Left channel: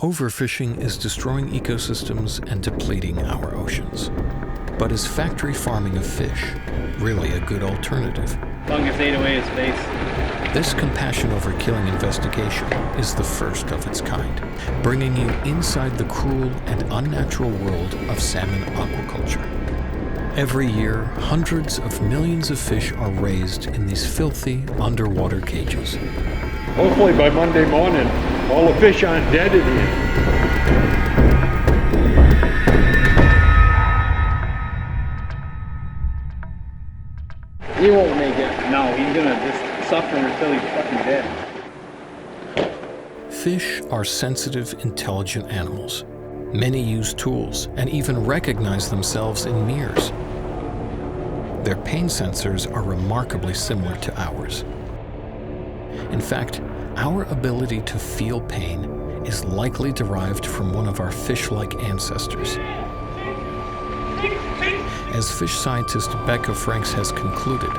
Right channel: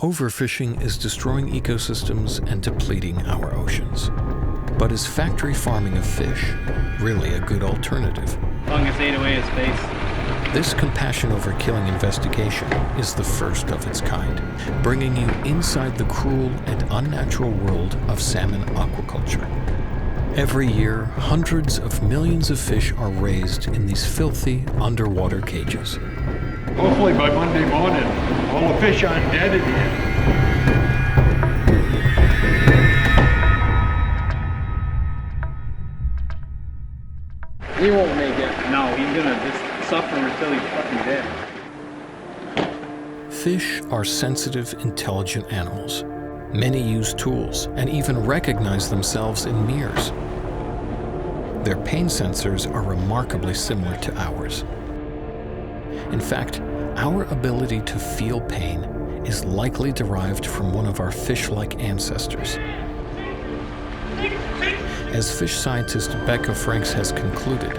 Overfishing is destroying ecosystems and depleting our oceans. But is factory farming of fish really a good alternative? Fungus ate away his face. This compassion over killing investigation is the first of its kind, bringing you inside the cruel and unnatural world of salmon aquaculture. Every year, hundreds of millions of fish are raised in these filthy underwater cages. Hopefully by Monday morning, all the fish aren't dead in here. He won't make it. No, he's gonna just suffer until he's fucking dead. Fish are sensitive, intelligent animals. Many use tools and even recognize themselves in mirrors. Their pain sensors are remarkably similar to ours. In fact, our ability to feel pain is likely derived from one of our fish-like ancestors. As fish scientist Becca Franks has concluded,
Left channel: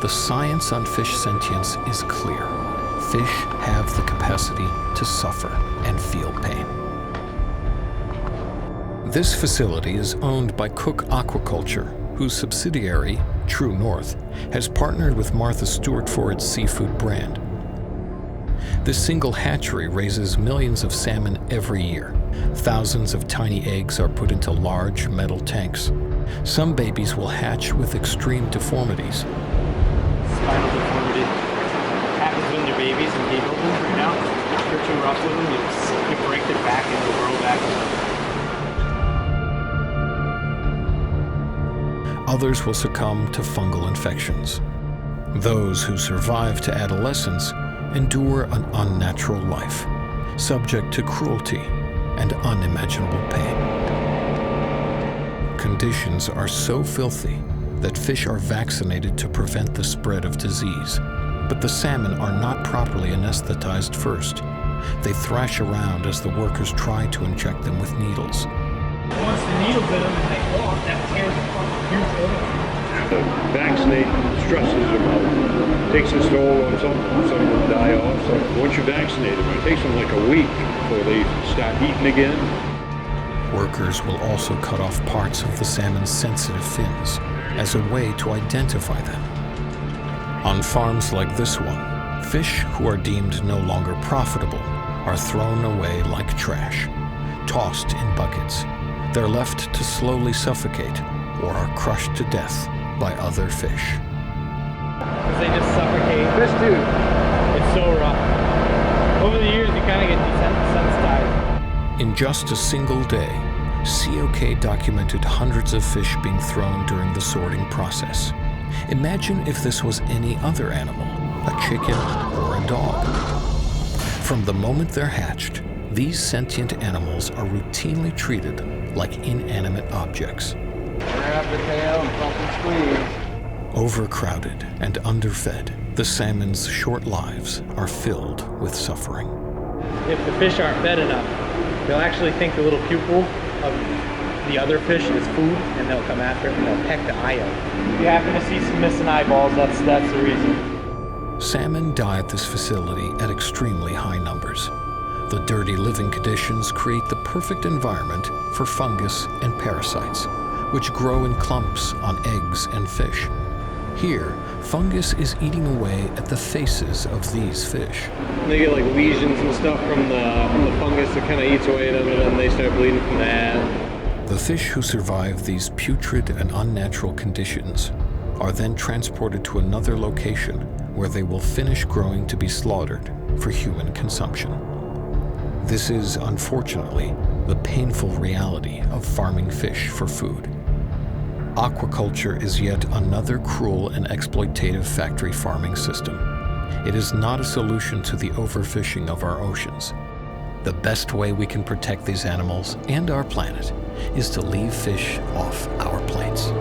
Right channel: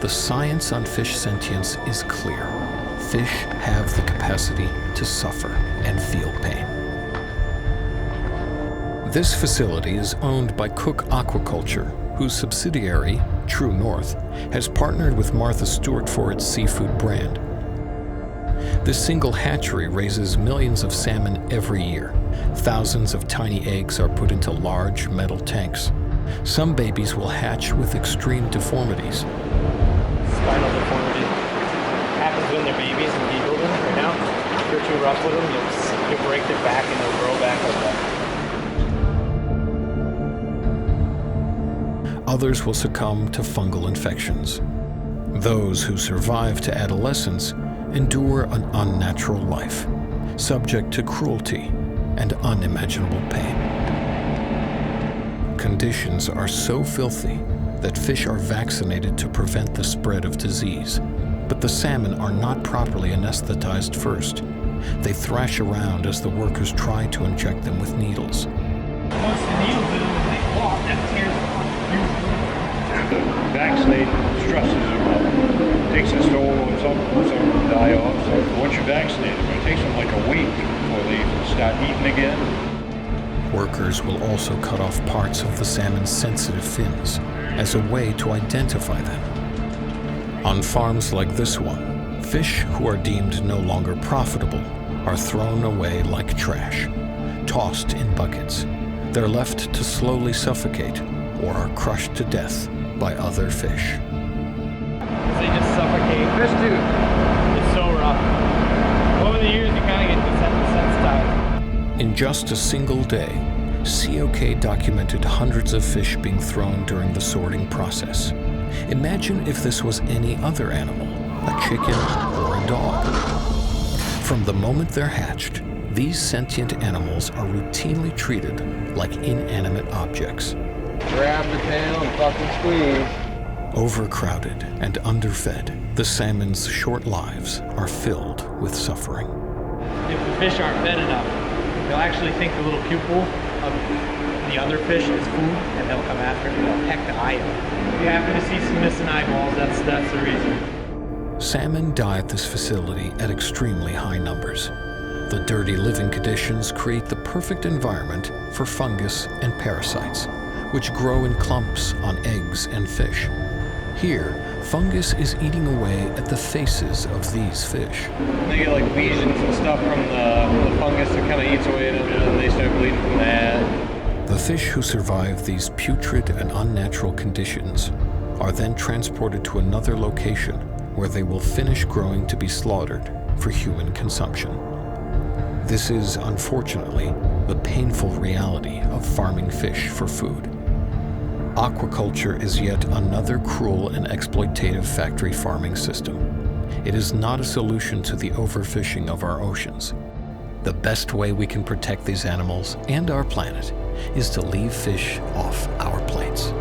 the science on fish sentience is clear. Fish have the capacity to suffer and feel pain. This facility is owned by Cook Aquaculture, whose subsidiary, True North, has partnered with Martha Stewart for its seafood brand. This single hatchery raises millions of salmon every year. Thousands of tiny eggs are put into large metal tanks. Some babies will hatch with extreme deformities. Spinal deformity. Happens when they're babies and you hold them. Right now, if you're too rough with them, you'll break their back and they'll grow back like that. Others will succumb to fungal infections. Those who survive to adolescence endure an unnatural life, subject to cruelty and unimaginable pain. Conditions are so filthy that fish are vaccinated to prevent the spread of disease, but the salmon are not properly anesthetized first. They thrash around as the workers try to inject them with needles. Once the needle's in them and they walk, that tears the fucking huge hole. The vaccination stresses them. Takes its toll on some of them die off. So once you vaccinate them, it takes them like a week before they start eating again. Workers will also cut off parts of the salmon's sensitive fins as a way to identify them. On farms like this one, fish who are deemed no longer profitable are thrown away like trash, tossed in buckets. They're left to slowly suffocate or are crushed to death by other fish. They just suffocate. This dude. It's so rough. Over the years, you kind of get desensitized. In just a single day, COK documented hundreds of fish being thrown during the sorting process. Imagine if this was any other animal, a chicken or a dog. From the moment they're hatched, these sentient animals are routinely treated like inanimate objects. Grab the tail and fucking squeeze. Overcrowded and underfed, the salmon's short lives are filled with suffering. If the fish aren't fed enough, they'll actually think the little pupil of the other fish is food, and they'll come after it and they'll peck the eye out. If you happen to see some missing eyeballs, that's the reason. Salmon die at this facility at extremely high numbers. The dirty living conditions create the perfect environment for fungus and parasites, which grow in clumps on eggs and fish. Here, fungus is eating away at the faces of these fish. They get like lesions and stuff from the fungus that kind of eats away at them, and then they start bleeding from the head. The fish who survive these putrid and unnatural conditions are then transported to another location where they will finish growing to be slaughtered for human consumption. This is, unfortunately, the painful reality of farming fish for food. Aquaculture is yet another cruel and exploitative factory farming system. It is not a solution to the overfishing of our oceans. The best way we can protect these animals and our planet is to leave fish off our plates.